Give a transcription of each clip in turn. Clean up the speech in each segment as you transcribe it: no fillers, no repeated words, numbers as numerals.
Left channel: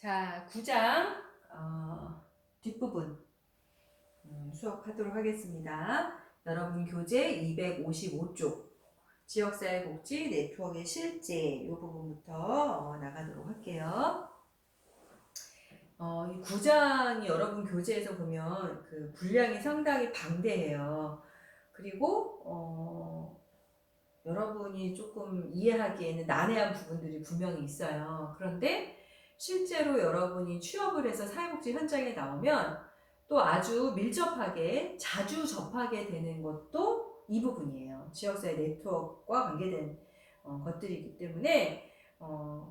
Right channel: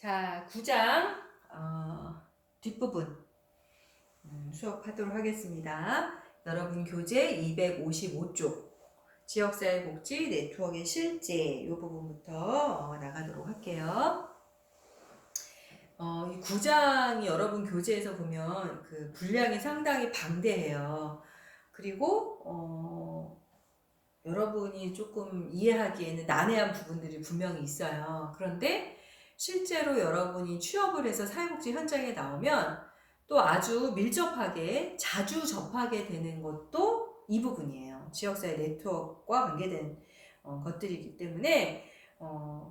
자, 9장 뒷부분 수업하도록 하겠습니다. 여러분 교재 255쪽 지역사회복지 네트워크의 실제 이 부분부터 나가도록 할게요. 이 9장이 여러분 교재에서 보면 그 분량이 상당히 방대해요. 그리고 여러분이 조금 이해하기에는 난해한 부분들이 분명히 있어요. 그런데 실제로 여러분이 취업을 해서 사회복지 현장에 나오면 또 아주 밀접하게 자주 접하게 되는 것도 이 부분이에요. 지역사회 네트워크와 관계된 것들이기 때문에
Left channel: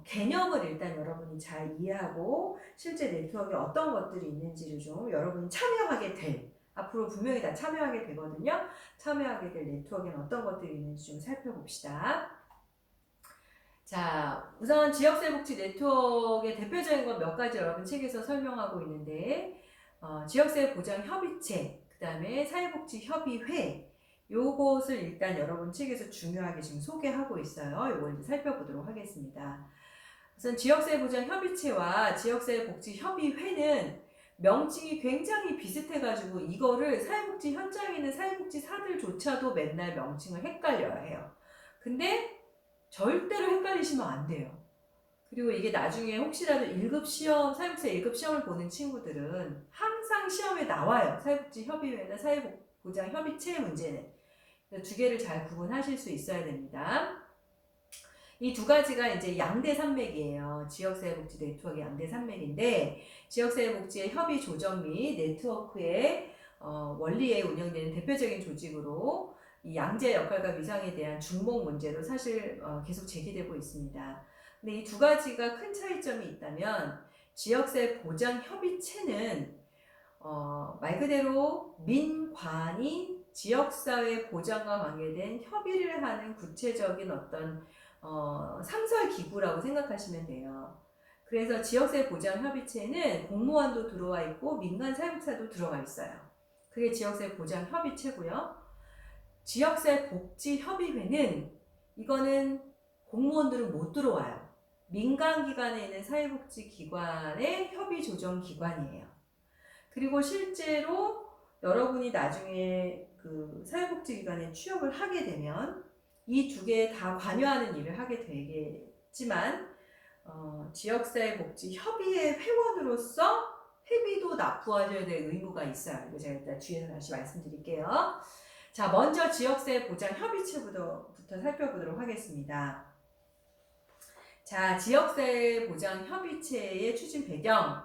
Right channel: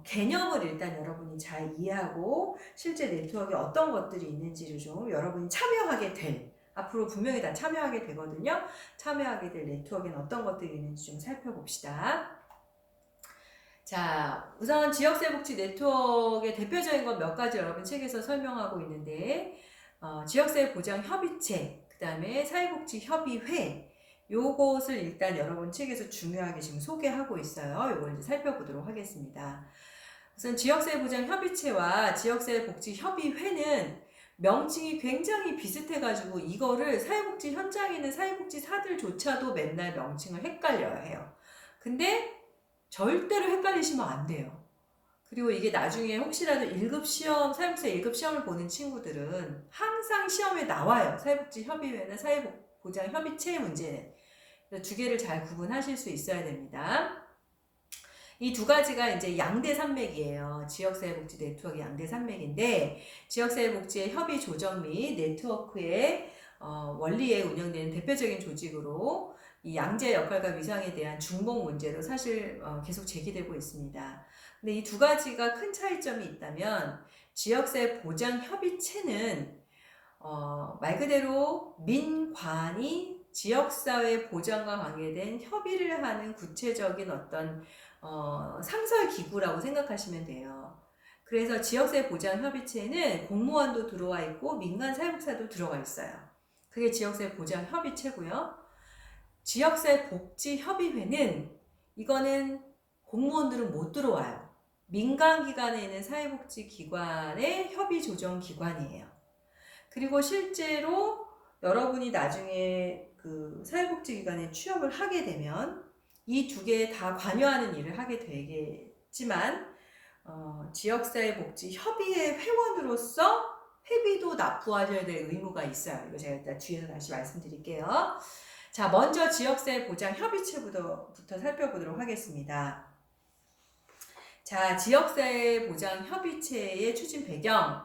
개념을 일단 여러분이 잘 이해하고 실제 네트워크에 어떤 것들이 있는지를 좀 여러분이 참여하게 될, 앞으로 분명히 다 참여하게 되거든요. 참여하게 될 네트워크에는 어떤 것들이 있는지 좀 살펴봅시다. 자, 우선 지역사회복지 네트워크의 대표적인 건 몇 가지 여러분 책에서 설명하고 있는데 지역사회보장협의체, 그 다음에 사회복지협의회, 요것을 일단 여러분 책에서 중요하게 지금 소개하고 있어요. 요걸 이제 살펴보도록 하겠습니다. 우선 지역사회보장협의체와 지역사회복지협의회는 명칭이 굉장히 비슷해가지고 이거를 사회복지 현장에 있는 사회복지사들조차도 맨날 명칭을 헷갈려야 해요. 근데 절대로 헷갈리시면 안 돼요. 그리고 이게 나중에 혹시라도 1급 시험, 사회복지사 1급 시험을 보는 친구들은 항상 시험에 나와요. 사회복지협의회나 사회보장협의체 문제는. 두 개를 잘 구분하실 수 있어야 됩니다. 이 두 가지가 이제 양대 산맥이에요. 지역사회복지 네트워크 양대 산맥인데 지역사회복지의 협의 조정 및 네트워크의 원리에 운영되는 대표적인 조직으로 이 양재 역할과 위상에 대한 중복 문제로 사실 계속 제기되고 있습니다. 근데 이 두 가지가 큰 차이점이 있다면 지역사회 보장 협의체는 말 그대로 민관이 지역사회 보장과 관계된 협의를 하는 구체적인 어떤 상설 기구라고 생각하시면 돼요. 그래서 지역사회 보장협의체는 공무원도 들어와 있고 민간 사회복지사도 들어가 있어요. 그게 지역사회 보장협의체고요. 지역사회 복지협의회는 이거는 공무원들은 못 들어와요. 민간기관에 있는 사회복지기관의 협의조정기관이에요. 그리고 실제로 여러분이 나중에 그 사회복지기관에 취업을 하게 되면 이 두 개 다 관여하는 일을 하게 되겠지만 지역사회복지협의회 회원으로서 회비도 납부하셔야 될 의무가 있어요. 이거 제가 일단 뒤에서 다시 말씀드릴게요. 자, 먼저 지역사회 보장협의체부터 살펴보도록 하겠습니다. 자, 지역사회 보장협의체의 추진 배경.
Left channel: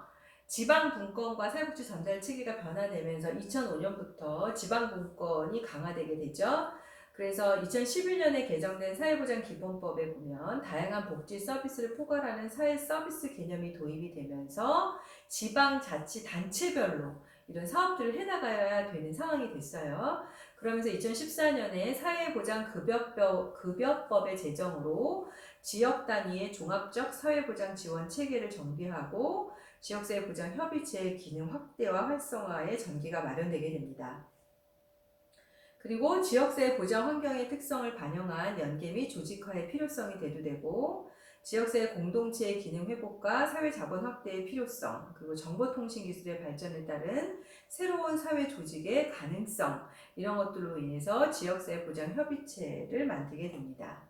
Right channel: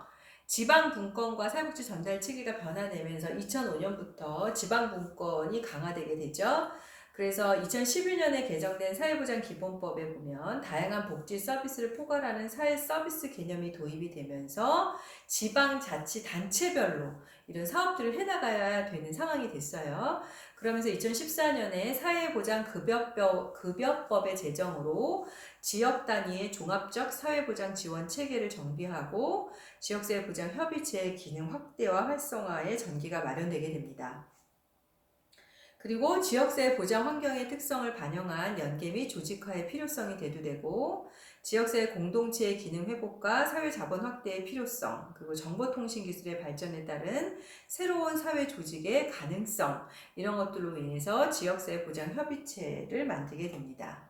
지방분권과 사회복지 전달 체계가 변화되면서 2005년부터 지방분권이 강화되게 되죠. 그래서 2011년에 개정된 사회보장기본법에 보면 다양한 복지 서비스를 포괄하는 사회 서비스 개념이 도입이 되면서 지방자치단체별로 이런 사업들을 해나가야 되는 상황이 됐어요. 그러면서 2014년에 사회보장급여법의 제정으로 지역 단위의 종합적 사회보장 지원 체계를 정비하고 지역사회보장협의체의 기능 확대와 활성화에 전기가 마련되게 됩니다. 그리고 지역사회 보장 환경의 특성을 반영한 연계 및 조직화의 필요성이 대두되고 지역사회 공동체의 기능 회복과 사회 자본 확대의 필요성, 그리고 정보통신 기술의 발전에 따른 새로운 사회 조직의 가능성, 이런 것들로 인해서 지역사회 보장 협의체를 만들게 됩니다.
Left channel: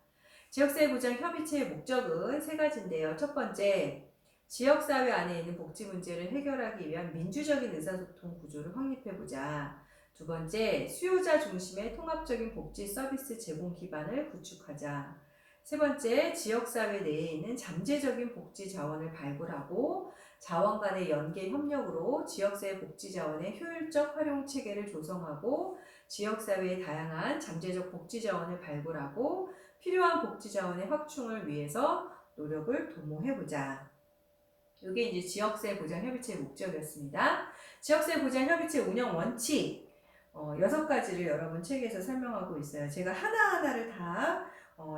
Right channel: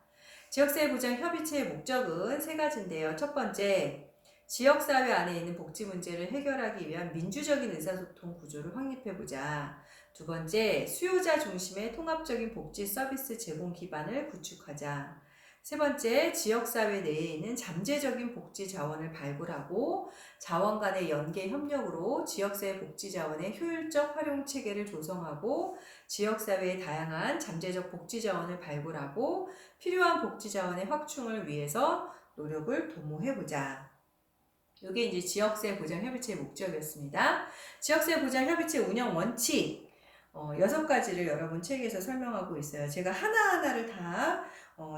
지역사회 보장 협의체의 목적은 세 가지인데요. 첫 번째, 지역사회 안에 있는 복지 문제를 해결하기 위한 민주적인 의사소통 구조를 확립해보자. 두 번째, 수요자 중심의 통합적인 복지 서비스 제공 기반을 구축하자. 세 번째, 지역사회 내에 있는 잠재적인 복지 자원을 발굴하고 자원 간의 연계 협력으로 지역사회 복지 자원의 효율적 활용 체계를 조성하고 지역사회의 다양한 잠재적 복지 자원을 발굴하고 필요한 복지 자원의 확충을 위해서 노력을 도모해보자. 이게 이제 지역사회 보장협의체의 목적이었습니다. 지역사회 보장협의체 운영 원칙 6가지를 여러분 책에서 설명하고 있어요. 제가 하나하나를 다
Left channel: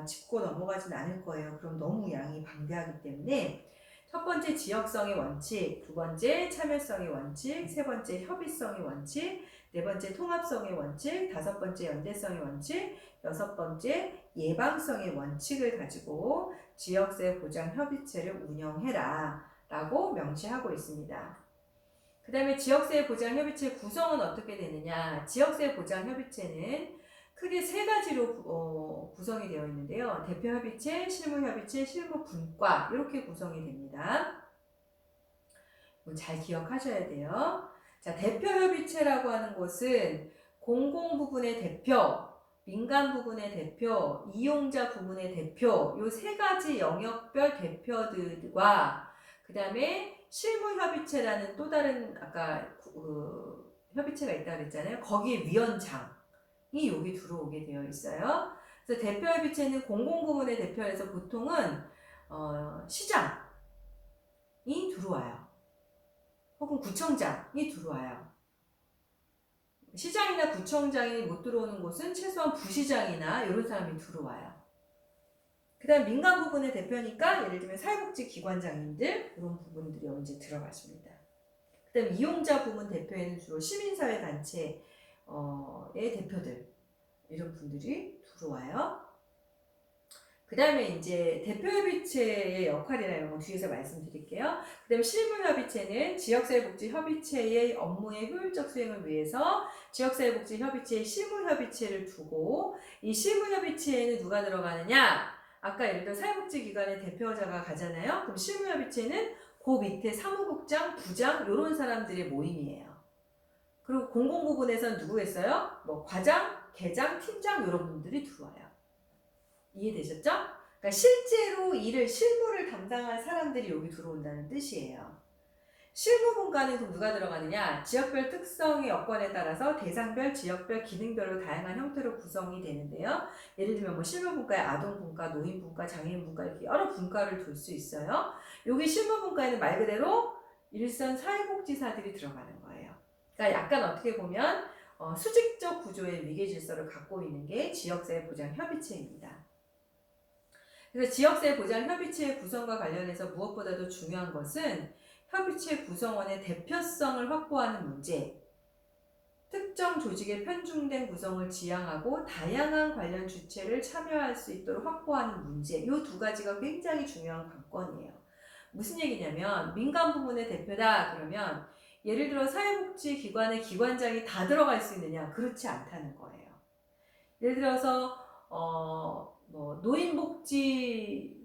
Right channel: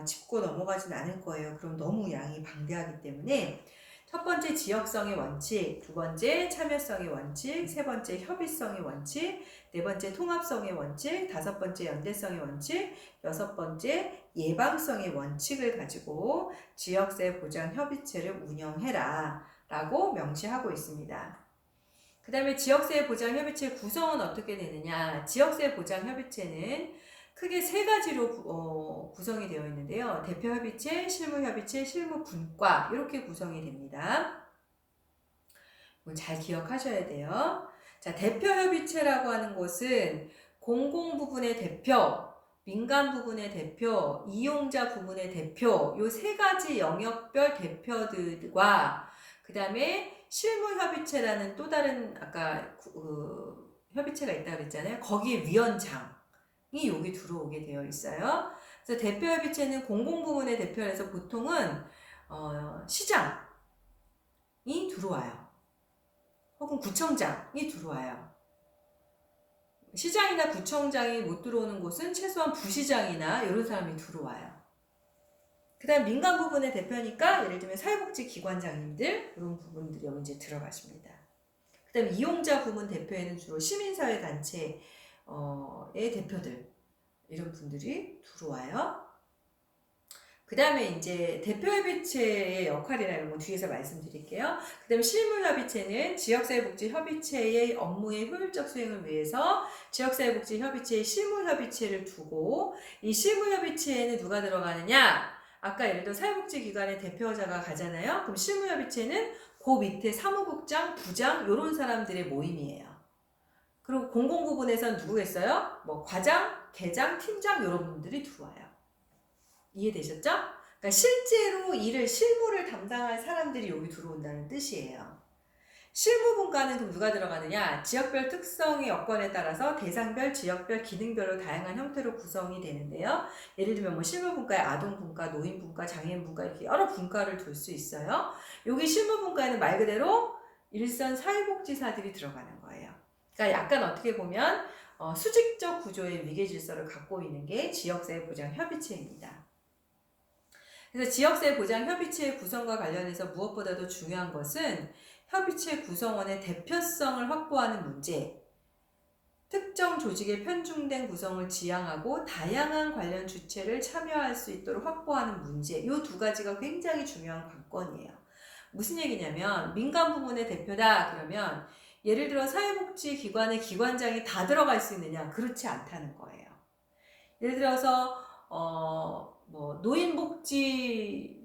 짚고 넘어가진 않을 거예요. 그럼 너무 양이 방대하기 때문에 첫 번째 지역성의 원칙, 두 번째 참여성의 원칙, 세 번째 협의성의 원칙, 네 번째 통합성의 원칙, 다섯 번째 연대성의 원칙, 여섯 번째 예방성의 원칙을 가지고 지역사회 보장협의체를 운영해라 라고 명시하고 있습니다. 그 다음에 지역사회 보장협의체 구성은 어떻게 되느냐. 지역사회 보장협의체는 크게 세 가지로 구성이 되어 있는데요. 대표협의체, 실무협의체, 실무분과 이렇게 구성이 됩니다. 잘 기억하셔야 돼요. 자, 대표협의체라고 하는 것은 공공부분의 대표, 민간 부분의 대표, 이용자 부분의 대표 요 세 가지 영역별 대표들과 그 다음에 실무협의체라는 또 다른 아까 협의체가 있다고 그랬잖아요. 거기에 위원장이 여기 들어오게 되어 있어요. 그래서 대표협의체는 공공부문의 대표에서 보통은 시장이 들어와요. 혹은 구청장이 들어와요. 시장이나 구청장이 못 들어오는 곳은 최소한 부시장이나 이런 사람이 들어와요. 그 다음 민간 부분의 대표니까 예를 들면 사회복지기관장님들 이런 부분들이 여기 이제 들어가십니다. 그 다음 이용자 부분 대표에는 주로 시민사회단체의 대표들 이런 분들이 들어와요. 그 다음에 이제 대표협의체의 역할이나 이런 거 뒤에서 말씀드릴게요. 그 다음에 실무협의체는 지역사회복지협의체의 업무의 효율적 수행을 위해서 지역사회복지협의체의 실무협의체를 두고 이 실무협의체에는 누가 들어가느냐? 아까 예를 들어 사회복지기관의 대표자가 가잖아요. 그럼 실무협의체는 그 밑에 사무국장, 부장 이런 사람들의 모임이에요. 그리고 공공부분에서는 누구겠어요? 뭐 과장, 계장, 팀장 이런 분들이 들어와요. 이해되셨죠? 그러니까 실제로 실무를 담당할 사람들이 여기 들어온다는 뜻이에요. 실무분과는 그럼 누가 들어가느냐? 지역별 특성의 여건에 따라서 대상별, 지역별, 기능별로 다양한 형태로 구성이 되는데요. 예를 들면 뭐 실무분과에 아동분과, 노인분과, 장애인분과 이렇게 여러 분과를 둘 수 있어요. 여기 실무분과에는 말 그대로 일선 사회복지사들이 들어가는 거예요. 그러니까 약간 어떻게 보면 수직적 구조의 위계질서를 갖고 있는 게 지역사회보장협의체입니다. 그래서 지역사회보장협의체의 구성과 관련해서 무엇보다도 중요한 것은 협의체 구성원의 대표성을 확보하는 문제, 특정 조직의 편중된 구성을 지향하고 다양한 관련 주체를 참여할 수 있도록 확보하는 문제, 이 두 가지가 굉장히 중요한 관건이에요. 무슨 얘기냐면 민간 부문의 대표다 그러면 예를 들어 사회복지기관의 기관장이 다 들어갈 수 있느냐? 그렇지 않다는 거예요. 예를 들어서 뭐 노인복지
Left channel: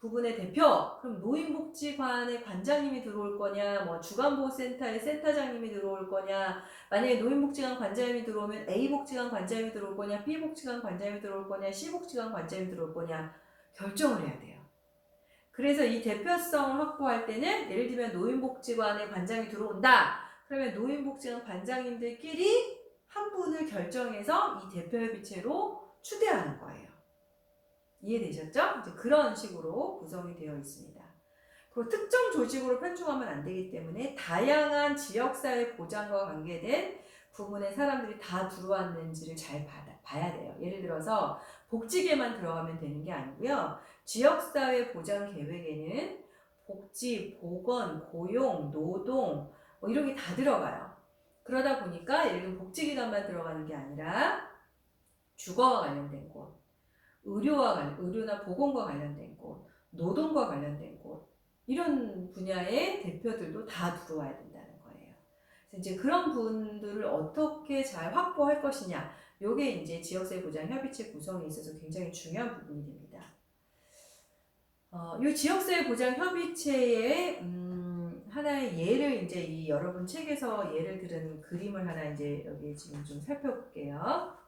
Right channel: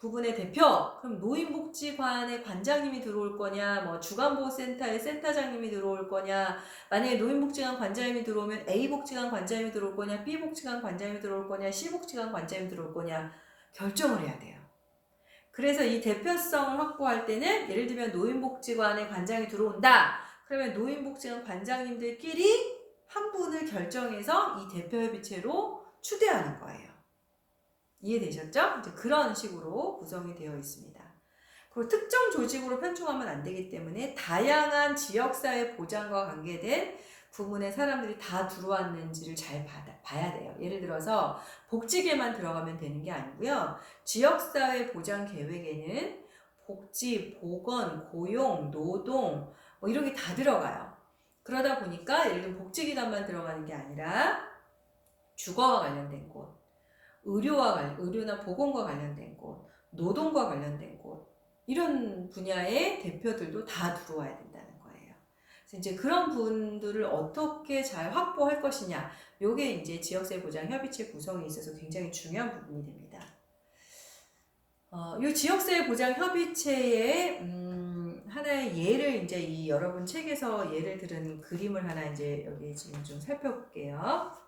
부분의 대표, 그럼 노인복지관의 관장님이 들어올 거냐, 뭐 주간보호센터의 센터장님이 들어올 거냐, 만약에 노인복지관 관장님이 들어오면 A복지관 관장님이 들어올 거냐, B복지관 관장님이 들어올 거냐, C복지관 관장님이 들어올 거냐 결정을 해야 돼요. 그래서 이 대표성을 확보할 때는 예를 들면 노인복지관의 관장이 들어온다. 그러면 노인복지관 관장님들끼리 한 분을 결정해서 이 대표협의체로 추대하는 거예요. 이해되셨죠? 이제 그런 식으로 구성이 되어 있습니다. 그리고 특정 조직으로 편중하면 안 되기 때문에 다양한 지역사회 보장과 관계된 부분에 사람들이 다 들어왔는지를 잘 봐야 돼요. 예를 들어서 복지계만 들어가면 되는 게 아니고요. 지역사회 보장 계획에는 복지, 보건, 고용, 노동 뭐 이런 게 다 들어가요. 그러다 보니까 예를 들면 복지기관만 들어가는 게 아니라 주거와 관련된 곳, 의료나 보건과 관련된 곳, 노동과 관련된 곳 이런 분야의 대표들도 다 들어와야 된다는 거예요. 그래서 이제 그런 분들을 어떻게 잘 확보할 것이냐, 요게 이제 지역사회보장협의체 구성에 있어서 굉장히 중요한 부분이 됩니다. 이 지역사회보장협의체의 하나의 예를 이제 이 여러분 책에서 예를 들은 그림을 하나 이제 여기 지금 좀 살펴볼게요.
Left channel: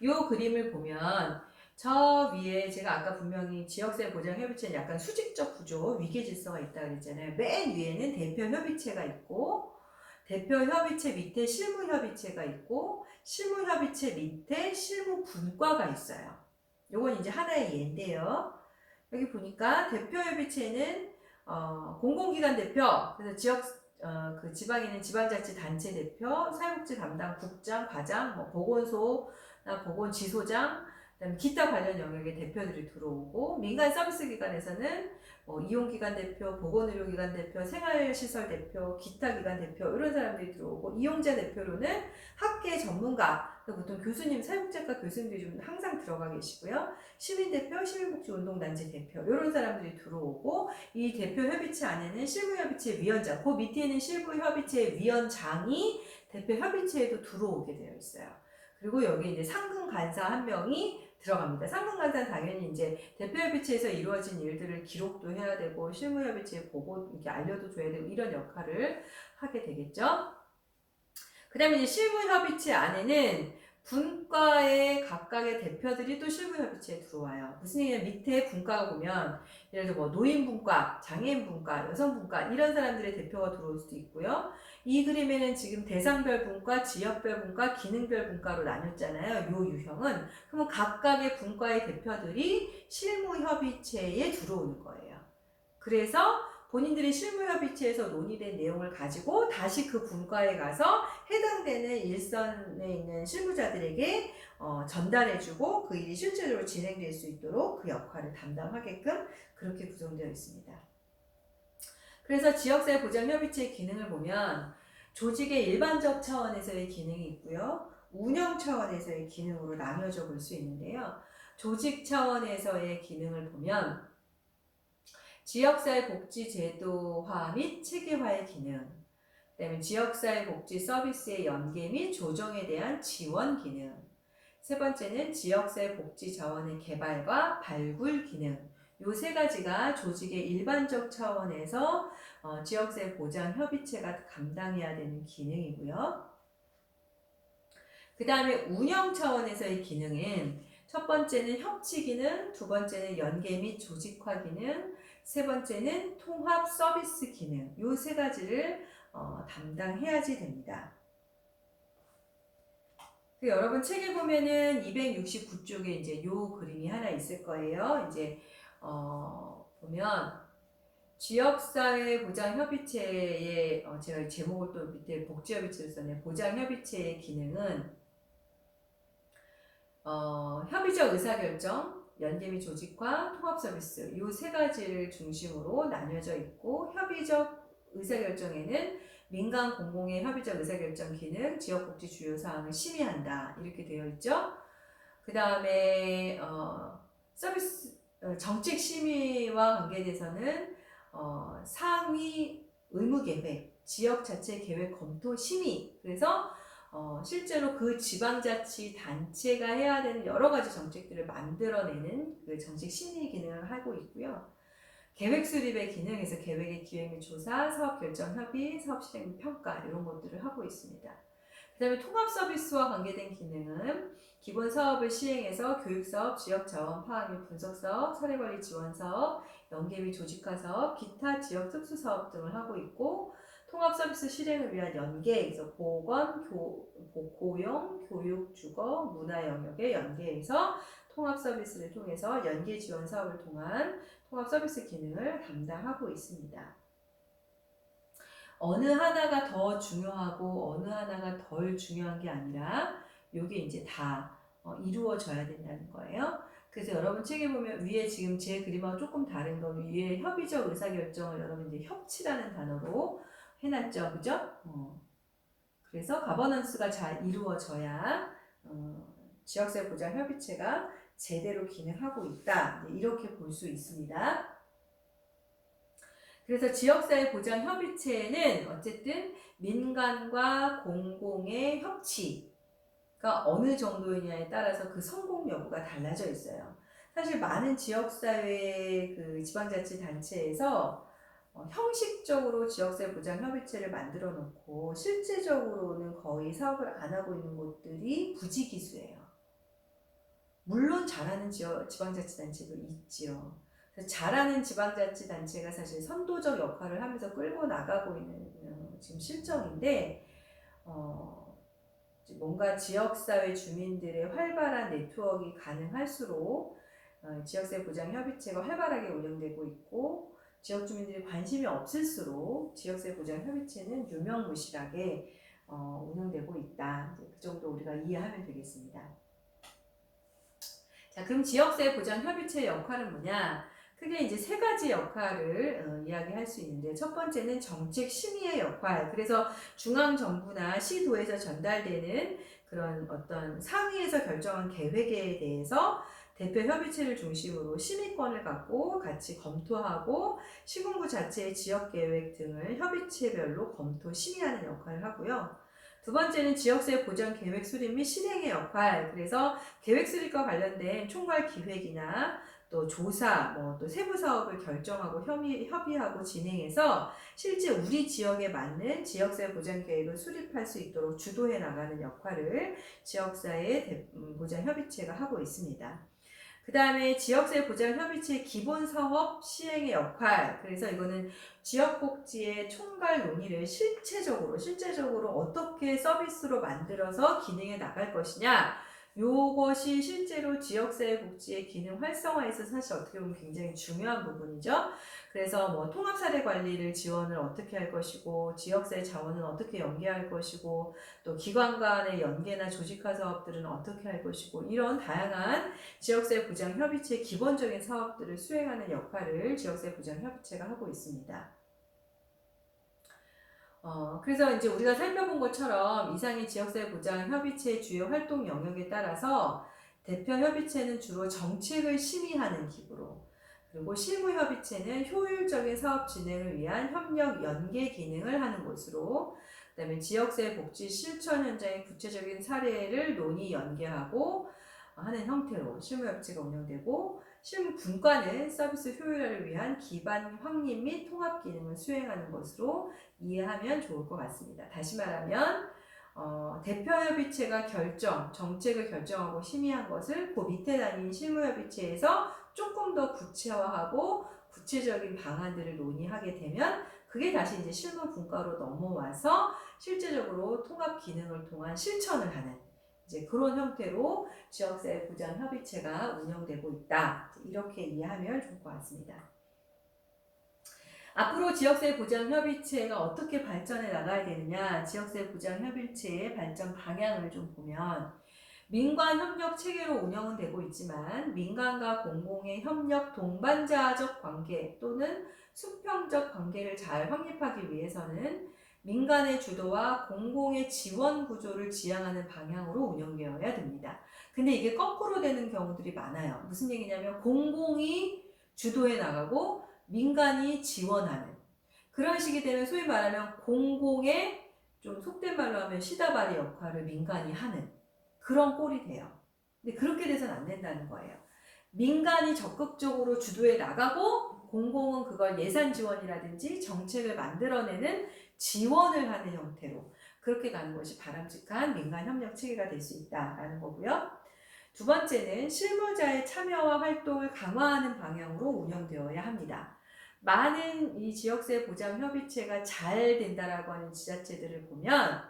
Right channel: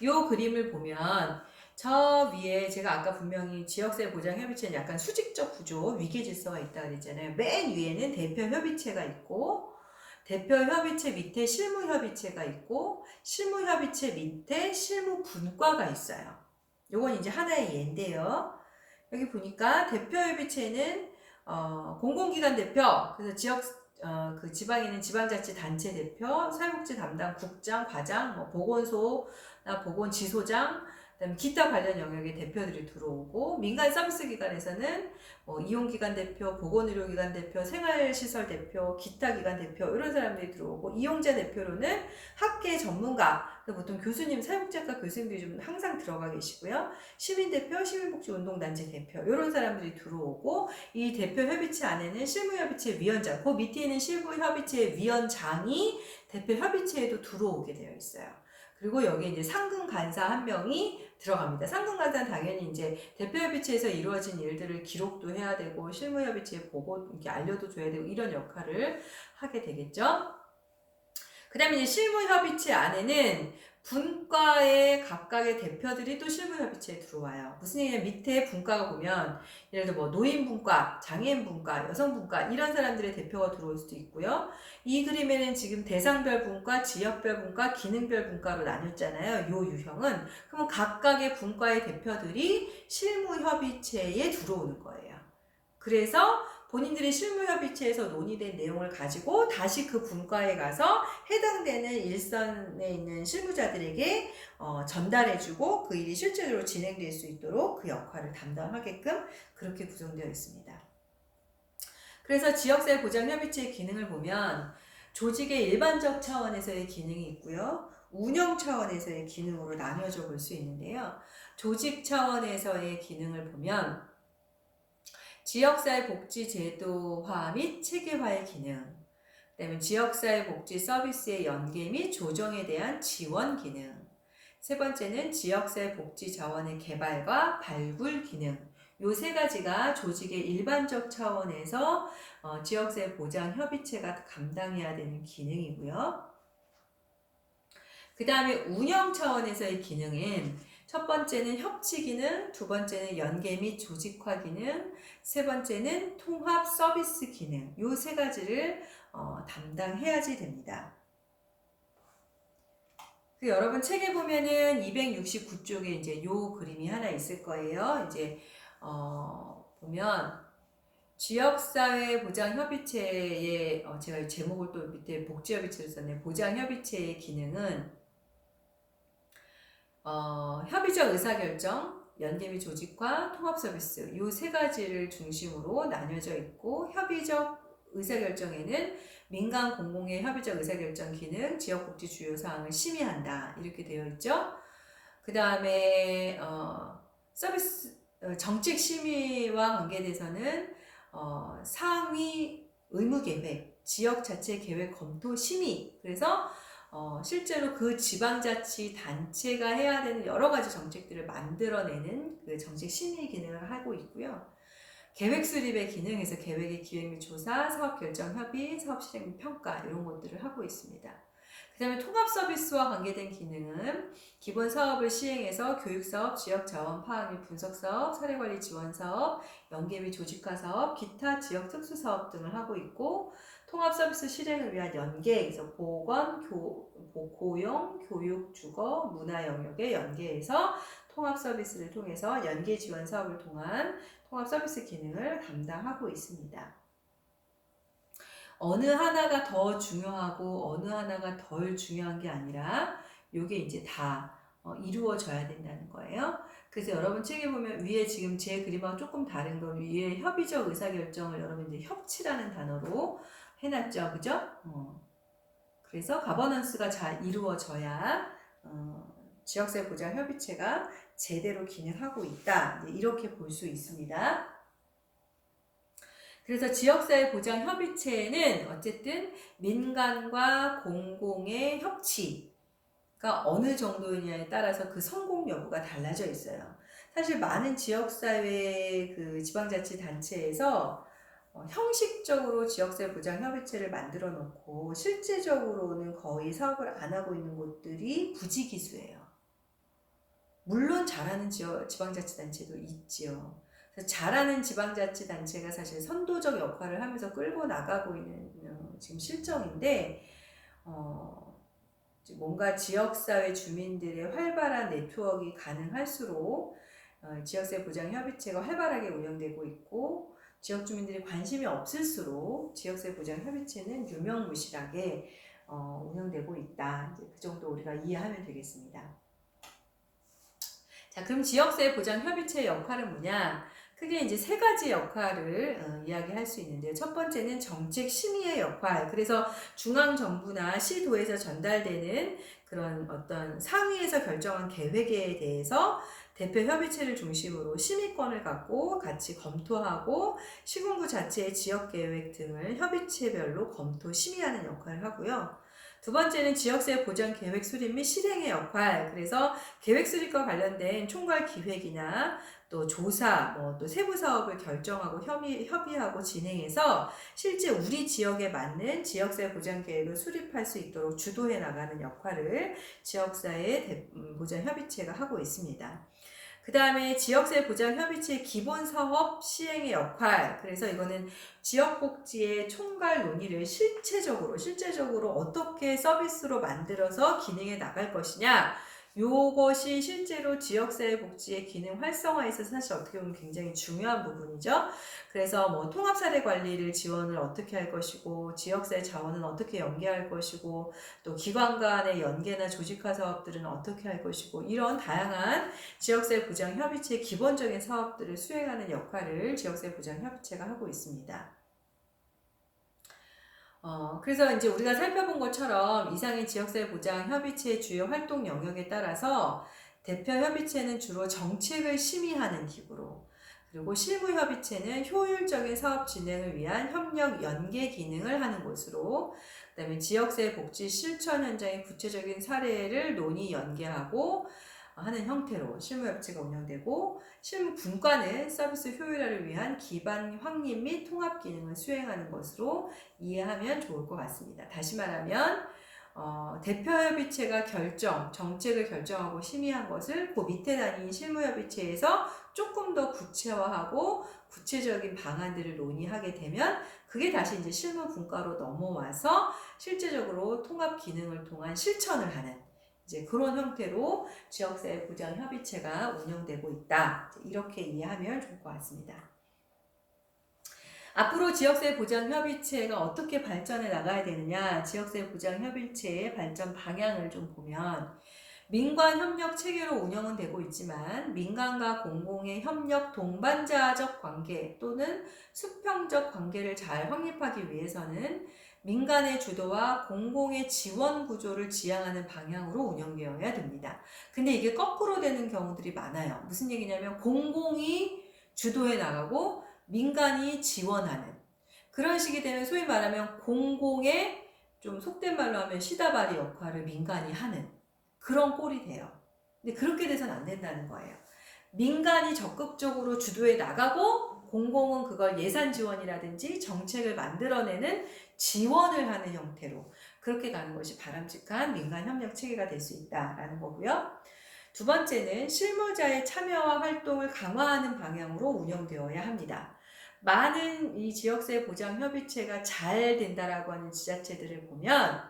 이 그림을 보면 저 위에 제가 아까 분명히 지역사회보장협의체는 약간 수직적 구조, 위계질서가 있다고 그랬잖아요. 맨 위에는 대표협의체가 있고 대표협의체 밑에 실무협의체가 있고 실무협의체 밑에 실무분과가 있어요. 요건 이제 하나의 예인데요. 여기 보니까 대표협의체는 공공기관 대표, 그래서 그 지방에 있는 지방자치단체 대표, 사회복지 담당 국장, 과장, 뭐 보건소나 보건지소장, 그다음에 기타 관련 영역의 대표들이 들어오고 민간 서비스 기관에서는 뭐 이용기관 대표, 보건의료기관 대표, 생활시설 대표, 기타 기관 대표 이런 사람들이 들어오고 이용자 대표로는 학계 전문가 보통 교수님, 사회복지학과 교수님들이 좀 항상 들어가 계시고요. 시민대표, 시민복지운동단체 대표 이런 사람들이 들어오고 이 대표 협의체 안에는 실무협의체 위원장, 그 밑에 있는 실무협의체 위원장이 대표 협의체에도 들어오게 되어 있어요. 그리고 여기 이제 상근 간사 한 명이 들어갑니다. 상근 간사는 당연히 이제 대표협의체에서 이루어진 일들을 기록도 해야 되고 실무협의체에 보고 이렇게 알려도 줘야 되고 이런 역할을 하게 되겠죠. 그 다음에 이제 실무협의체 안에는 분과의 각각의 대표들이 또 실무협의체에 들어와요. 무슨 얘기냐면 밑에 분과가 보면 예를 들어 뭐 노인분과, 장애인분과, 여성분과 이런 사람들의 대표가 들어올 수도 있고요. 이 그림에는 지금 대상별 분과, 지역별 분과, 기능별 분과로 나뉘었잖아요. 요 유형은. 그러면 각각의 분과의 대표들이 실무협의체에 들어오는 거예요. 그래서 본인들이 실무협의체에서 논의된 내용을 가지고 다시 그 분과에 가서 해당되는 일선에 있는 실무자들에게 전달해주고 그 일이 실제로 진행될 수 있도록 그 역할을 담당하게끔 그렇게 구성되어 있습니다. 그래서 지역사회 보장협의체의 기능을 보면 조직의 일반적 차원에서의 기능이 있고요. 운영 차원에서의 기능으로 나뉘어져 볼 수 있는데요. 조직 차원에서의 기능을 보면 지역사회 복지 제도화 및 체계화의 기능, 그 다음에 지역사회 복지 서비스의 연계 및 조정에 대한 지원 기능, 세 번째는 지역사회 복지 자원의 개발과 발굴 기능, 요 세 가지가 조직의 일반적 차원에서 지역사회 보장 협의체가 감당해야 되는 기능이고요. 그 다음에 운영 차원에서의 기능은 첫 번째는 협치 기능, 두 번째는 연계 및 조직화 기능, 세 번째는 통합 서비스 기능, 요 세 가지를 담당해야지 됩니다. 여러분 책에 보면은 269쪽에 이제 요 그림이 하나 있을 거예요. 이제 보면 지역사회 보장협의체의 제가 제목을 또 밑에 복지협의체로 썼네요. 보장협의체의 기능은 협의적 의사결정, 연계 및 조직화, 통합 서비스 이 세 가지를 중심으로 나뉘어져 있고 협의적 의사결정에는 민간 공공의 협의적 의사결정 기능, 지역복지 주요 사항을 심의한다 이렇게 되어 있죠. 그 다음에 서비스 정책 심의와 관계돼서는 상위 의무계획, 지역 자체 계획 검토 심의 그래서 실제로 그 지방자치단체가 해야 되는 여러 가지 정책들을 만들어내는 그 정책 심의 기능을 하고 있고요. 계획 수립의 기능에서 계획의 기획 및 조사, 사업 결정 협의, 사업 실행 및 평가 이런 것들을 하고 있습니다. 그 다음에 통합 서비스와 관계된 기능은 기본 사업을 시행해서 교육사업, 지역자원 파악 및 분석사업, 사례관리 지원사업, 연계 및 조직화 사업, 기타 지역 특수사업 등을 하고 있고 통합 서비스 실행을 위한 연계에서 보건, 고용, 교육, 주거, 문화 영역의 연계에서 통합 서비스를 통해서 연계 지원 사업을 통한 통합 서비스 기능을 담당하고 있습니다. 어느 하나가 더 중요하고 어느 하나가 덜 중요한 게 아니라 이게 이제 다 이루어져야 된다는 거예요. 그래서 여러분 책에 보면 위에 지금 제 그림하고 조금 다른 거 위에 협의적 의사결정을 여러분 이제 협치라는 단어로 해놨죠, 그죠? 그래서 가버넌스가 잘 이루어져야 지역사회 보장 협의체가 제대로 기능하고 있다 이렇게 볼 수 있습니다. 그래서 지역사회 보장 협의체는 어쨌든 민간과 공공의 협치가 어느 정도이냐에 따라서 그 성공 여부가 달라져 있어요. 사실 많은 지역사회 그 지방자치단체에서 형식적으로 지역사회 보장 협의체를 만들어 놓고 실제적으로는 거의 사업을 안 하고 있는 곳들이 부지기수예요. 물론 잘하는 지방자치단체도 있지요. 잘하는 지방자치단체가 사실 선도적 역할을 하면서 끌고 나가고 있는 지금 실정인데 뭔가 지역사회 주민들의 활발한 네트워크가 가능할수록 지역사회 보장 협의체가 활발하게 운영되고 있고 지역 주민들이 관심이 없을수록 지역사회 보장 협의체는 유명무실하게 운영되고 있다. 이제 그 정도 우리가 이해하면 되겠습니다. 자, 그럼 지역사회 보장협의체의 역할은 뭐냐? 크게 이제 세 가지 역할을 이야기할 수 있는데요. 첫 번째는 정책 심의의 역할. 그래서 중앙정부나 시도에서 전달되는 그런 어떤 상위에서 결정한 계획에 대해서 대표 협의체를 중심으로 심의권을 갖고 같이 검토하고 시군구 자체의 지역계획 등을 협의체별로 검토, 심의하는 역할을 하고요. 두 번째는 지역사회 보장 계획 수립 및 실행의 역할. 그래서 계획 수립과 관련된 총괄 기획이나 또 조사, 또 세부 사업을 결정하고 협의하고 진행해서 실제 우리 지역에 맞는 지역사회 보장 계획을 수립할 수 있도록 주도해 나가는 역할을 지역사회 보장 협의체가 하고 있습니다. 그 다음에 지역사회 보장협의체 기본 사업 시행의 역할. 그래서 이거는 지역복지의 총괄 논의를 실제적으로 어떻게 서비스로 만들어서 기능해 나갈 것이냐. 요것이 실제로 지역사회 복지의 기능 활성화에 있어서 사실 어떻게 보면 굉장히 중요한 부분이죠. 그래서 뭐 통합사례 관리를 지원을 어떻게 할 것이고, 지역사회 자원은 어떻게 연계할 것이고, 또 기관 간의 연계나 조직화 사업들은 어떻게 할 것이고, 이런 다양한 지역사회 보장 협의체의 기본적인 사업들을 수행하는 역할을 지역사회 보장 협의체가 하고 있습니다. 그래서 이제 우리가 살펴본 것처럼 이상의 지역사회 보장 협의체의 주요 활동 영역에 따라서 대표 협의체는 주로 정책을 심의하는 기구로, 그리고 실무 협의체는 효율적인 사업 진행을 위한 협력 연계 기능을 하는 곳으로, 그다음에 지역사회 복지 실천 현장의 구체적인 사례를 논의 연계하고 하는 형태로 실무협의체가 운영되고, 실무 분과는 서비스 효율화를 위한 기반 확립 및 통합 기능을 수행하는 것으로 이해하면 좋을 것 같습니다. 다시 말하면 대표협의체가 정책을 결정하고 심의한 것을 그 밑에 다니는 실무협의체에서 조금 더 구체화하고 구체적인 방안들을 논의하게 되면 그게 다시 이제 실무 분과로 넘어와서 실제적으로 통합 기능을 통한 실천을 하는 이제 그런 형태로 지역사회 보장 협의체가 운영되고 있다. 이렇게 이해하면 좋을 것 같습니다. 앞으로 지역사회 보장 협의체가 어떻게 발전해 나가야 되느냐, 지역사회 보장 협의체의 발전 방향을 좀 보면 민관 협력 체계로 운영은 되고 있지만 민간과 공공의 협력 동반자적 관계 또는 수평적 관계를 잘 확립하기 위해서는 민간의 주도와 공공의 지원 구조를 지향하는 방향으로 운영되어야 됩니다. 근데 이게 거꾸로 되는 경우들이 많아요. 무슨 얘기냐면 공공이 주도해 나가고 민간이 지원하는 그런 식이 되면 소위 말하면 공공의 좀 속된 말로 하면 시다바리 역할을 민간이 하는 그런 꼴이 돼요. 근데 그렇게 돼서는 안 된다는 거예요. 민간이 적극적으로 주도해 나가고 공공은 그걸 예산 지원이라든지 정책을 만들어내는 지원을 하는 형태로 그렇게 가는 것이 바람직한 민간 협력 체계가 될 수 있다라는 거고요. 두 번째는 실무자의 참여와 활동을 강화하는 방향으로 운영되어야 합니다. 많은 이 지역사회 보장 협의체가 잘 된다라고 하는 지자체들을 보면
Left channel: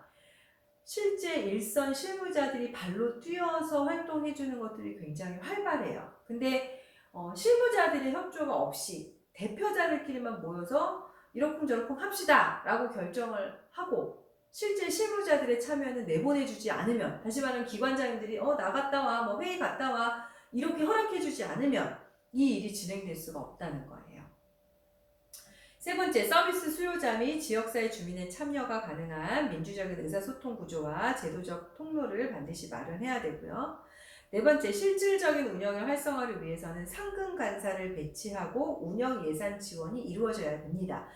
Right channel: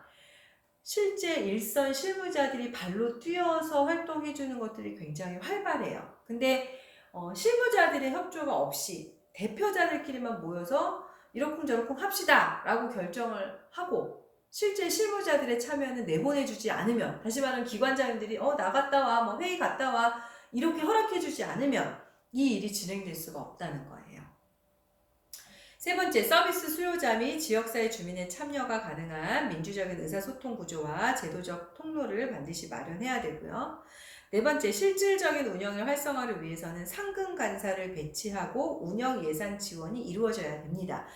실제 일선 실무자들이 발로 뛰어서 활동해주는 것들이 굉장히 활발해요. 근데 실무자들의 협조가 없이 대표자들끼리만 모여서 이러쿵저러쿵 합시다 라고 결정을 하고 실제 실무자들의 참여는 내보내주지 않으면, 다시 말하면 기관장님들이 나갔다 와, 뭐 회의 갔다 와 이렇게 허락해주지 않으면 이 일이 진행될 수가 없다는 거예요. 세 번째, 서비스 수요자 및 지역사회 주민의 참여가 가능한 민주적인 의사소통 구조와 제도적 통로를 반드시 마련해야 되고요. 네 번째, 실질적인 운영의 활성화를 위해서는 상근 간사를 배치하고 운영 예산 지원이 이루어져야 됩니다.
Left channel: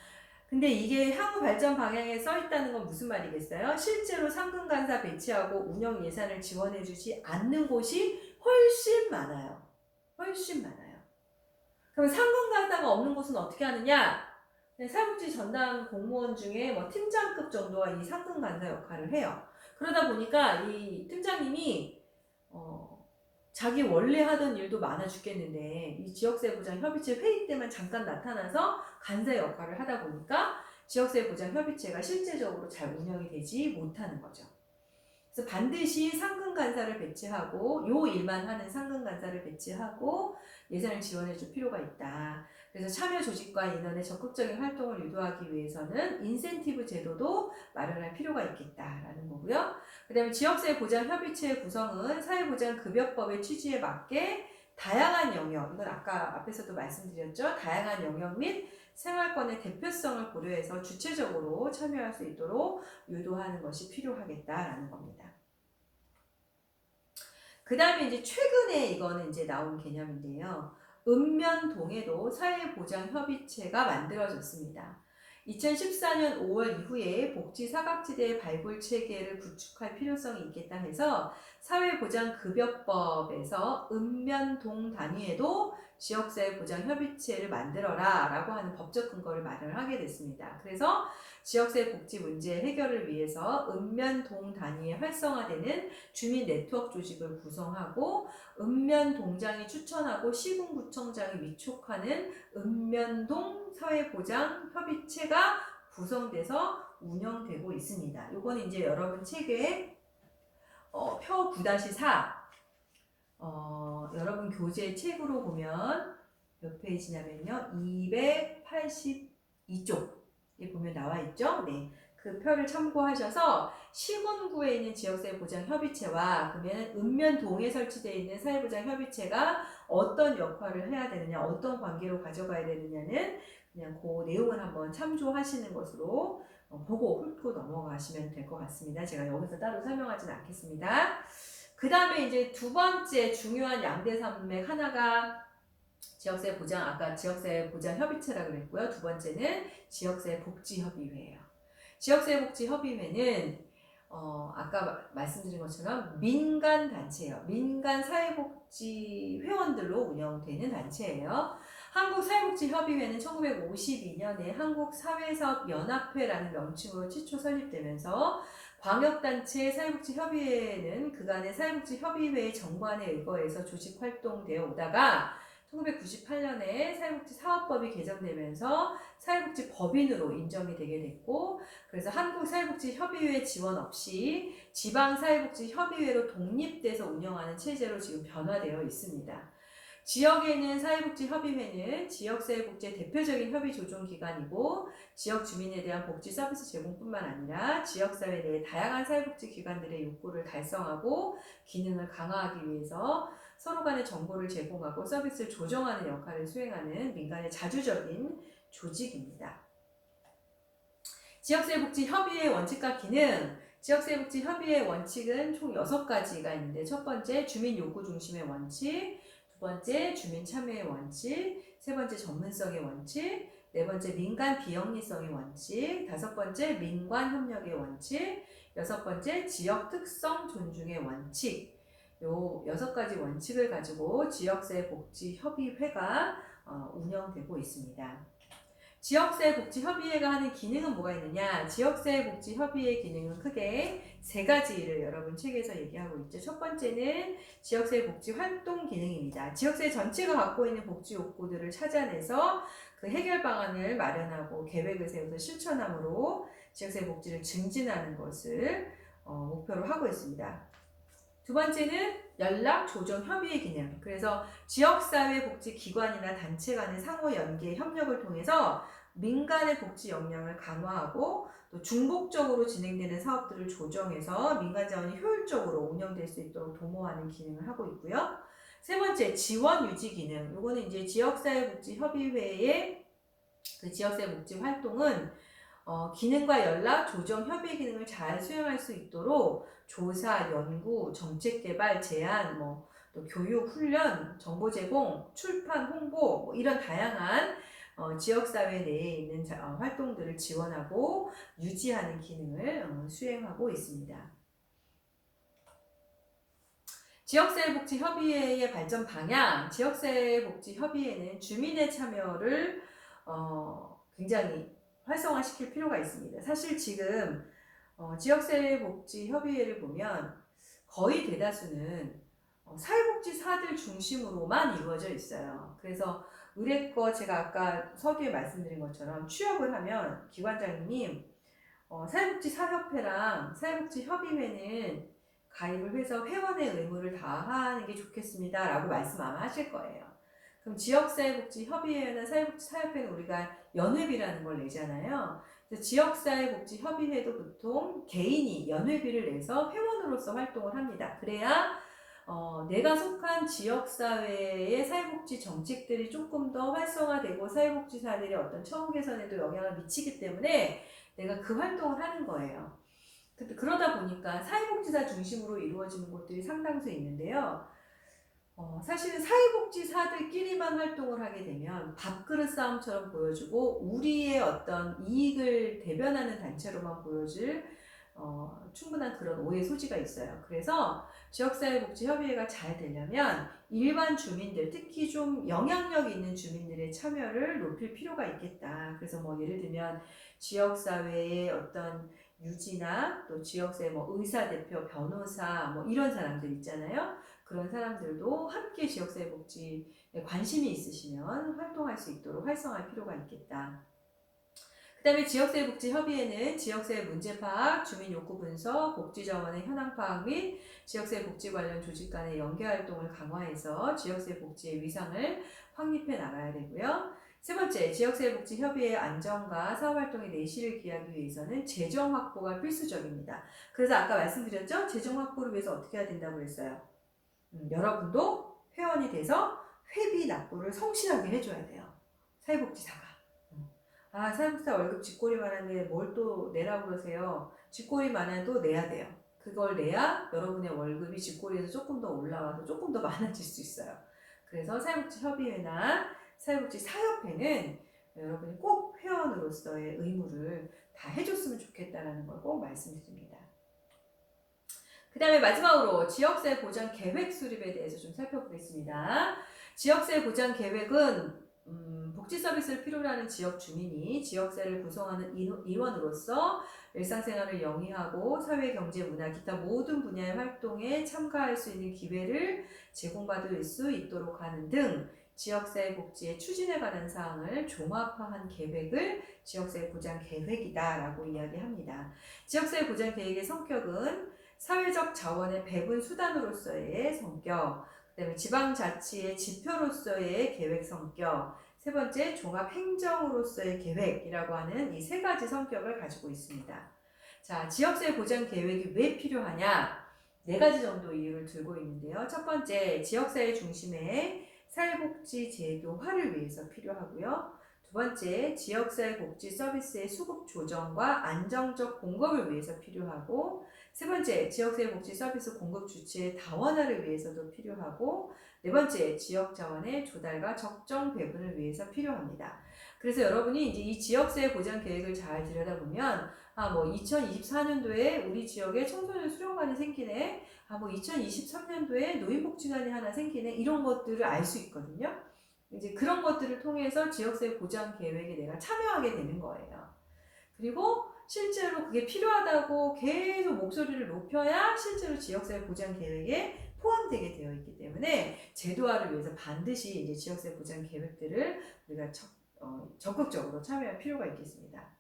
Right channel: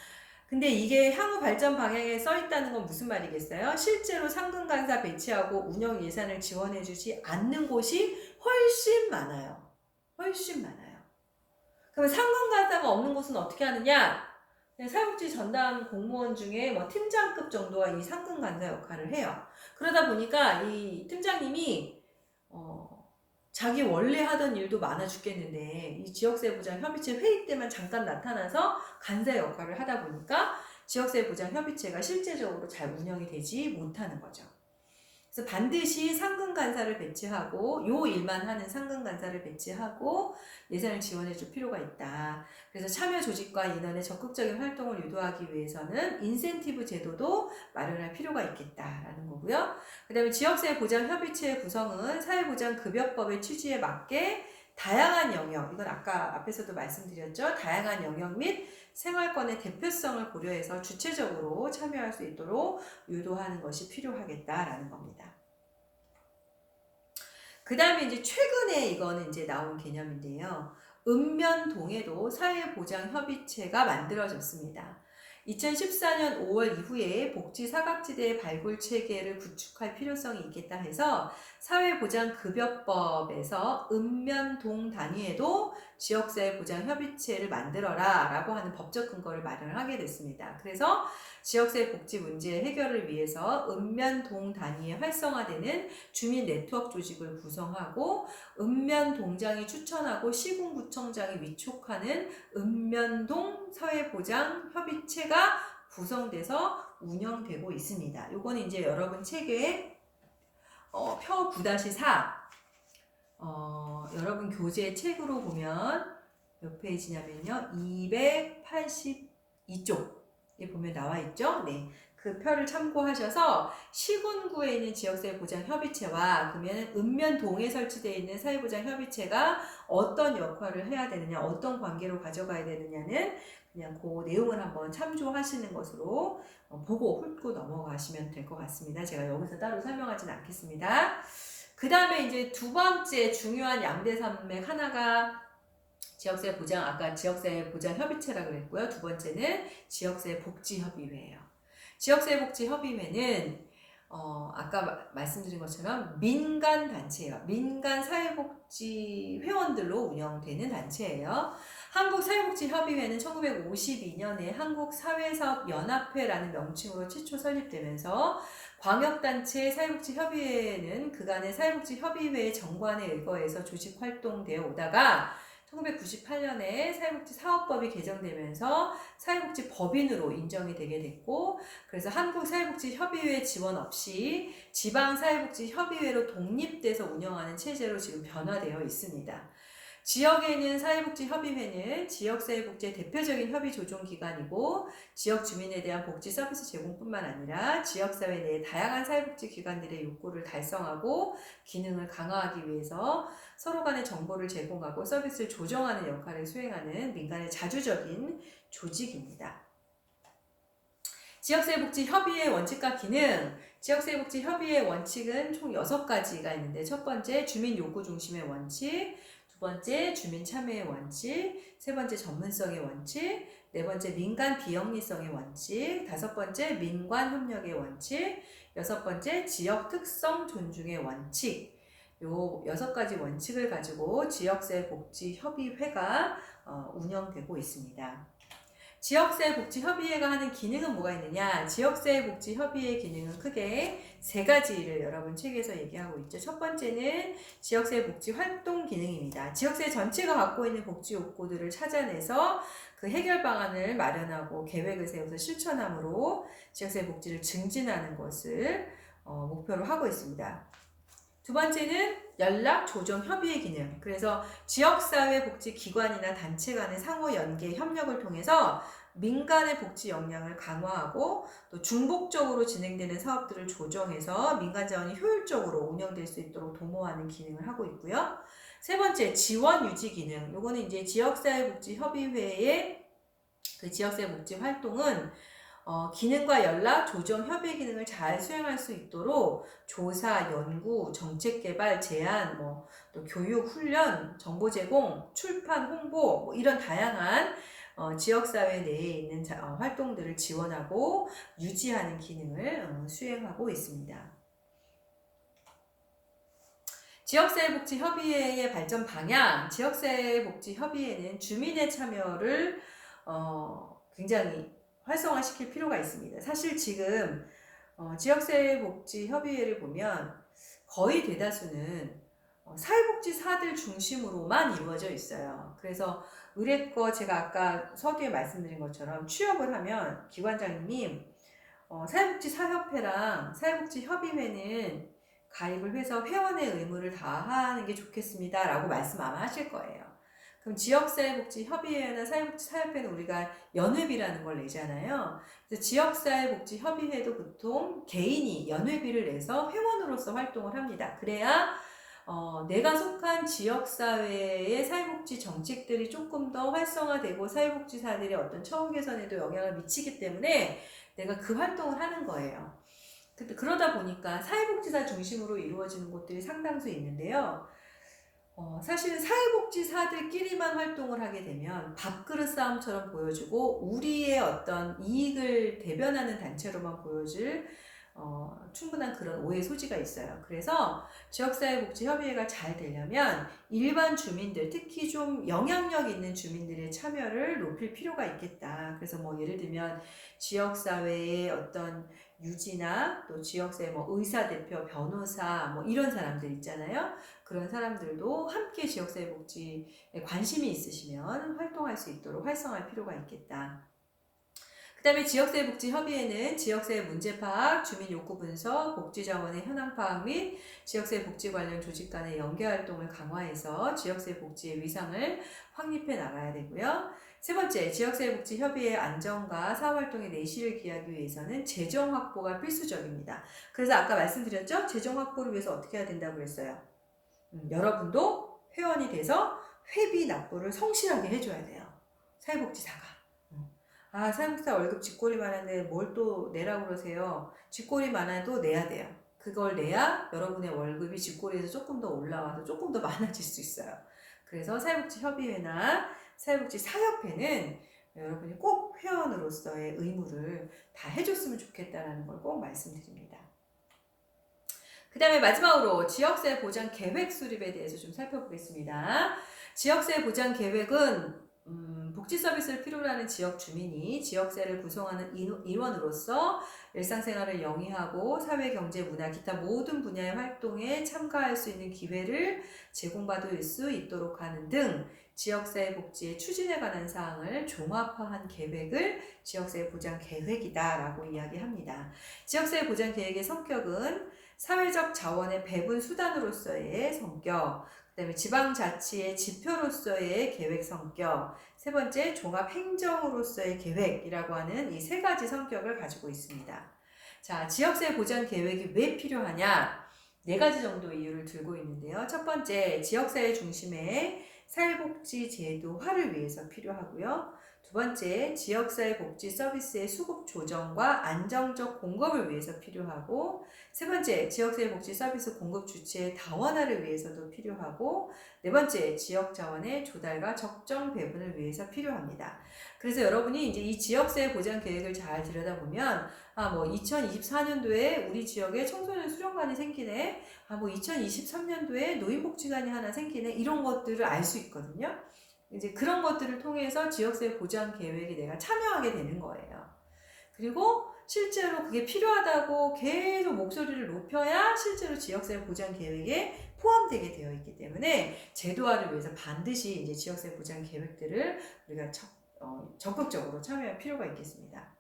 근데 이게 향후 발전 방향에 써 있다는 건 무슨 말이겠어요? 실제로 상근 간사 배치하고 운영 예산을 지원해 주지 않는 곳이 훨씬 많아요. 훨씬 많아요. 그럼 상근 간사가 없는 곳은 어떻게 하느냐? 사회복지 전담 공무원 중에 뭐 팀장급 정도가 이 상근 간사 역할을 해요. 그러다 보니까 이 팀장님이 자기 원래 하던 일도 많아 죽겠는데 이 지역사회 보장 협의체 회의 때만 잠깐 나타나서 간사 역할을 하다 보니까 지역사회 보장 협의체가 실제적으로 잘 운영이 되지 못하는 거죠. 그래서 반드시 상근 간사를 배치하고 요 일만 하는 상근 간사를 배치하고 예산을 지원해 줄 필요가 있다. 그래서 참여 조직과 인원의 적극적인 활동을 유도하기 위해서는 인센티브 제도도 마련할 필요가 있겠다라는 거고요. 그 다음에 지역사회 보장 협의체의 구성은 사회보장급여법의 취지에 맞게 다양한 영역, 이건 아까 앞에서도 말씀드렸죠. 다양한 영역 및 생활권의 대표성을 고려해서 주체적으로 참여할 수 있도록 유도하는 것이 필요하겠다라는 겁니다. 그 다음에 이제 최근에 이거는 이제 나온 개념인데요. 읍면동에도 사회보장협의체가 만들어졌습니다. 2014년 5월 이후에 복지 사각지대 발굴 체계를 구축할 필요성이 있겠다 해서 사회보장급여법에서 읍면동 단위에도 지역사회보장협의체를 만들어라 라고 하는 법적 근거를 마련하게 됐습니다. 그래서 지역사회 복지 문제 해결을 위해서 읍면동 단위에 활성화되는 주민 네트워크 조직을 구성하고 읍면동장이 추천하고 시군구청장이 위촉하는 읍면동 사회보장협의체가 구성돼서 운영되고 있습니다. 요거는 이제 여러분 책에 표 9-4 여러분 교재 책으로 보면 몇 페이지냐면요 282쪽에 보면 나와 있죠. 네, 그 표를 참고하셔서 시군구에 있는 지역사회보장협의체와 그러면 읍면동에 설치되어 있는 사회보장협의체가 어떤 역할을 해야 되느냐, 어떤 관계로 가져가야 되느냐는 그냥 그 내용을 한번 참조하시는 것으로 보고 훑고 넘어가시면 될 것 같습니다. 제가 여기서 따로 설명하지는 않겠습니다. 그 다음에 이제 두 번째 중요한 양대 산맥 하나가 지역사회 보장, 아까 지역사회 보장 협의체라고 그랬고요. 두 번째는 지역사회 복지협의회예요. 지역사회 복지협의회는 아까 말씀드린 것처럼 민간 단체예요. 민간 사회복지 회원들로 운영되는 단체예요. 한국사회복지협의회는 1952년에 한국사회사업연합회라는 명칭으로 최초 설립되면서 광역단체 사회복지협의회는 그간의 사회복지협의회의 정관에 의거해서 조직 활동되어 오다가 1998년에 사회복지사업법이 개정되면서 사회복지법인으로 인정이 되게 됐고, 그래서 한국사회복지협의회 지원 없이 지방사회복지협의회로 독립돼서 운영하는 체제로 지금 변화되어 있습니다. 지역에 있는 사회복지협의회는 지역사회복지의 대표적인 협의조정기관이고 지역 주민에 대한 복지 서비스 제공뿐만 아니라 지역사회 내의 다양한 사회복지기관들의 욕구를 달성하고 기능을 강화하기 위해서 서로 간의 정보를 제공하고 서비스를 조정하는 역할을 수행하는 민간의 자주적인 조직입니다. 지역사회복지협의회 원칙과 기능, 지역사회복지협의회 원칙은 총 6가지가 있는데 첫 번째 주민 요구 중심의 원칙, 두 번째 주민 참여의 원칙, 세 번째 전문성의 원칙, 네 번째 민간 비영리성의 원칙, 다섯 번째 민관 협력의 원칙, 여섯 번째 지역 특성 존중의 원칙. 요 6가지 원칙을 가지고 지역사회복지협의회가 운영되고 있습니다. 지역사회복지협의회가 하는 기능은 뭐가 있느냐? 지역사회복지협의회 기능은 크게 3가지를 여러분 책에서 얘기하고 있죠. 첫 번째는 지역사회복지 활동 기능입니다. 지역사회 전체가 갖고 있는 복지 욕구들을 찾아내서 그 해결 방안을 마련하고 계획을 세워서 실천함으로 지역사회복지를 증진하는 것을 목표로 하고 있습니다. 두 번째는 연락 조정 협의회 기능. 그래서 지역사회복지기관이나 단체 간의 상호 연계 협력을 통해서 민간의 복지 역량을 강화하고 또 중복적으로 진행되는 사업들을 조정해서 민간 자원이 효율적으로 운영될 수 있도록 도모하는 기능을 하고 있고요. 세 번째, 지원 유지 기능. 요거는 이제 지역사회복지협의회의 그 지역사회복지 활동은 기능과 연락, 조정, 협의 기능을 잘 수행할 수 있도록 조사, 연구, 정책 개발, 제안, 또 교육, 훈련, 정보 제공, 출판, 홍보 이런 다양한 지역사회 내에 있는 활동들을 지원하고 유지하는 기능을 수행하고 있습니다. 지역사회복지협의회의 발전 방향, 지역사회복지협의회는 주민의 참여를 굉장히 활성화시킬 필요가 있습니다. 사실 지금 지역사회복지협의회를 보면 거의 대다수는 사회복지사들 중심으로만 이루어져 있어요. 그래서 의뢰거 제가 아까 서두에 말씀드린 것처럼 취업을 하면 기관장님 사회복지사협회랑 사회복지협의회는 가입을 해서 회원의 의무를 다하는 게 좋겠습니다 라고 말씀 아마 하실 거예요. 그럼 지역사회복지협의회나 사회복지사협회는 우리가 연회비라는 걸 내잖아요. 그래서 지역사회복지협의회도 보통 개인이 연회비를 내서 회원으로서 활동을 합니다. 그래야 내가 속한 지역사회의 사회복지 정책들이 조금 더 활성화되고 사회복지사들의 어떤 처우 개선에도 영향을 미치기 때문에 내가 그 활동을 하는 거예요. 그러다 보니까 사회복지사 중심으로 이루어지는 곳들이 상당수 있는데요. 사실은 사회복지사들끼리만 활동을 하게 되면 밥그릇 싸움처럼 보여지고 우리의 어떤 이익을 대변하는 단체로만 보여질 충분한 그런 오해 소지가 있어요. 그래서 지역사회복지협의회가 잘 되려면 일반 주민들, 특히 좀 영향력 있는 주민들의 참여를 높일 필요가 있겠다. 그래서 뭐 예를 들면 지역사회의 어떤 유지나 또 지역사회 뭐 의사대표, 변호사 뭐 이런 사람들 있잖아요. 그런 사람들도 함께 지역사회 복지에 관심이 있으시면 활동할 수 있도록 활성화할 필요가 있겠다. 그 다음에 지역사회복지협의회는 지역사회 문제 파악, 주민 욕구 분석, 복지자원의 현황 파악 및 지역사회 복지 관련 조직 간의 연계 활동을 강화해서 지역사회 복지의 위상을 확립해 나가야 되고요. 세 번째, 지역사회복지협의회의 안정과 사업활동의 내실을 기하기 위해서는 재정 확보가 필수적입니다. 그래서 아까 말씀드렸죠? 재정 확보를 위해서 어떻게 해야 된다고 했어요? 여러분도 회원이 돼서 회비 납부를 성실하게 해줘야 돼요. 사회복지사가. 사회복지사 월급 쥐꼬리 많은데 뭘 또 내라고 그러세요? 쥐꼬리 많아도 내야 돼요. 그걸 내야 여러분의 월급이 쥐꼬리에서 조금 더 올라와서 조금 더 많아질 수 있어요. 그래서 사회복지협의회나 사회복지사협회는 여러분이 꼭 회원으로서의 의무를 다 해줬으면 좋겠다는 걸 꼭 말씀드립니다. 그 다음에 마지막으로 지역사회 보장 계획 수립에 대해서 좀 살펴보겠습니다. 지역사회 보장 계획은 복지 서비스를 필요로 하는 지역 주민이 지역사회를 구성하는 인원으로서 일상생활을 영위하고 사회, 경제, 문화, 기타 모든 분야의 활동에 참가할 수 있는 기회를 제공받을 수 있도록 하는 등 지역사회 복지의 추진에 관한 사항을 종합화한 계획을 지역사회 보장 계획이다라고 이야기합니다. 지역사회 보장 계획의 성격은 사회적 자원의 배분 수단으로서의 성격, 그 다음에 지방자치의 지표로서의 계획 성격, 세 번째 종합행정으로서의 계획이라고 하는 이 세 가지 성격을 가지고 있습니다. 자, 지역사회 보장 계획이 왜 필요하냐? 네 가지 정도 이유를 들고 있는데요. 첫 번째, 지역사회 중심의 사회복지 제도화를 위해서 필요하고요. 두 번째, 지역사회 복지 서비스의 수급 조정과 안정적 공급을 위해서 필요하고, 세 번째, 지역사회 복지 서비스 공급 주체의 다원화를 위해서도 필요하고, 네 번째, 지역 자원의 조달과 적정 배분을 위해서 필요합니다. 그래서 여러분이 이제 이 지역사회 보장 계획을 잘 들여다보면, 2024년도에 우리 지역에 청소년 수련관이 생기네. 2023년도에 노인복지관이 하나 생기네. 이런 것들을 알 수 있거든요. 이제 그런 것들을 통해서 지역사회 보장 계획에 내가 참여하게 되는 거예요. 그리고 실제로 그게 필요하다고 계속 목소리를 높여야 실제로 지역사회 보장 계획에 포함되게 되어 있기 때문에 제도화를 위해서 반드시 이제 지역사회 보장 계획들을 우리가 적극적으로 참여할 필요가 있겠습니다.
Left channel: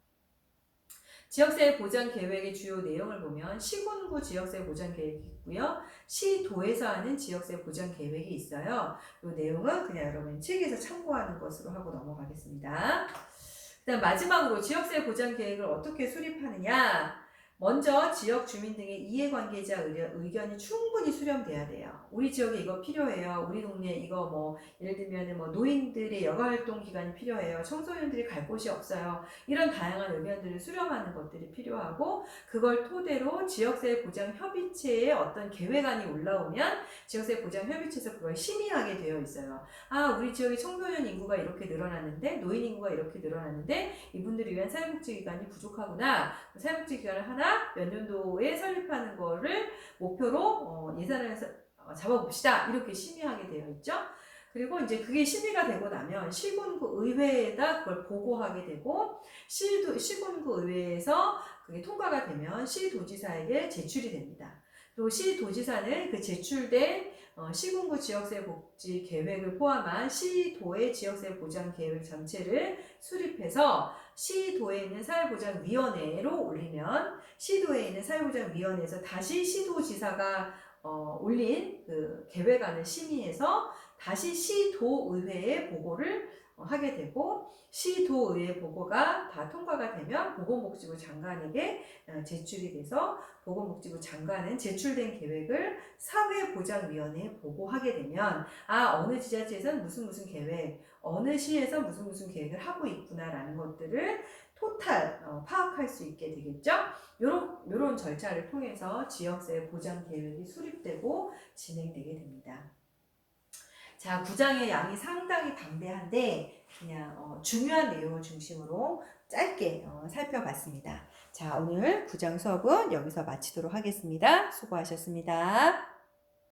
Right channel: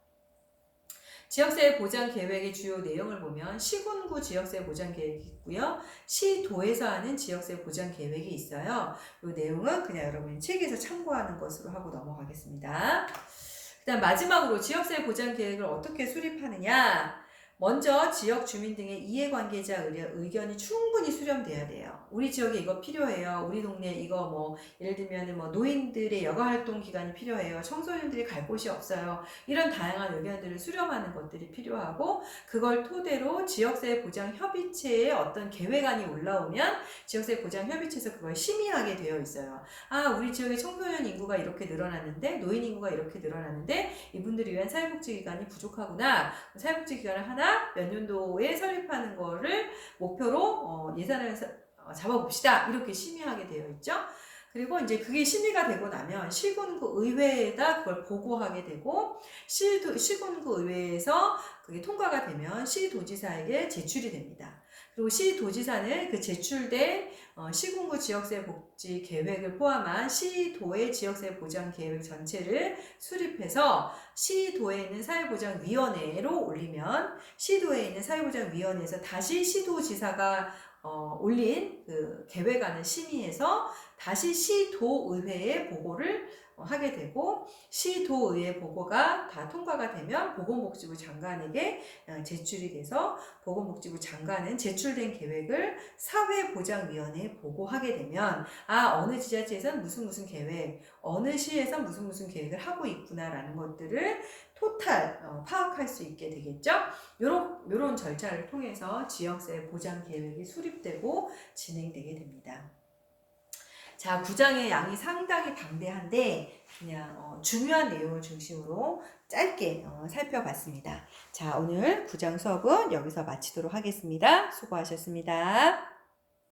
지역사회 보장 계획의 주요 내용을 보면 시군구 지역사회 보장 계획이 있고요. 시도에서 하는 지역사회 보장 계획이 있어요. 이 내용은 그냥 여러분 책에서 참고하는 것으로 하고 넘어가겠습니다. 그다음 마지막으로 지역사회 보장 계획을 어떻게 수립하느냐? 먼저 지역 주민 등의 이해관계자 의견이 충분히 수렴돼야 돼요. 우리 지역에 이거 필요해요. 우리 동네에 이거 뭐 예를 들면 뭐 노인들의 여가활동 기간이 필요해요. 청소년들이 갈 곳이 없어요. 이런 다양한 의견들을 수렴하는 것들이 필요하고 그걸 토대로 지역사회 보장 협의체에 어떤 계획안이 올라오면 지역사회 보장 협의체에서 그걸 심의하게 되어 있어요. 우리 지역의 청소년 인구가 이렇게 늘어났는데 노인 인구가 이렇게 늘어났는데 이분들을 위한 사회복지기관이 부족하구나. 사회복지기관을 하나 몇 년도에 설립하는 거를 목표로 예산을 잡아봅시다. 이렇게 심의하게 되어 있죠. 그리고 이제 그게 심의가 되고 나면 시군구 의회에다 그걸 보고하게 되고 시군구 의회에서 그게 통과가 되면 시도지사에게 제출이 됩니다. 그리고 시도지사는 그 제출된 시군구 지역사회 복지 계획을 포함한 시도의 지역사회 보장 계획 전체를 수립해서 시도에 있는 사회보장위원회로 올리면 시도에 있는 사회보장위원회에서 다시 시도지사가 올린 그 계획안을 심의해서 다시 시도의회에 보고를 하게 되고 시도의회 보고가 다 통과가 되면 보건복지부 장관에게 제출이 돼서 보건복지부 장관은 제출된 계획을 사회보장위원회에 보고하게 되면 어느 지자체에서는 무슨 계획, 어느 시에서 무슨 계획을 하고 있구나라는 것들을 토탈 파악할 수 있게 되겠죠. 요런 절차를 통해서 지역세 보장 계획이 수립되고 진행되게 됩니다. 자, 구장의 양이 상당히 방대한데 그냥 중요한 내용을 중심으로 짧게 살펴봤습니다. 자, 오늘 구장 수업은 여기서 마치도록 하겠습니다. 수고하셨습니다.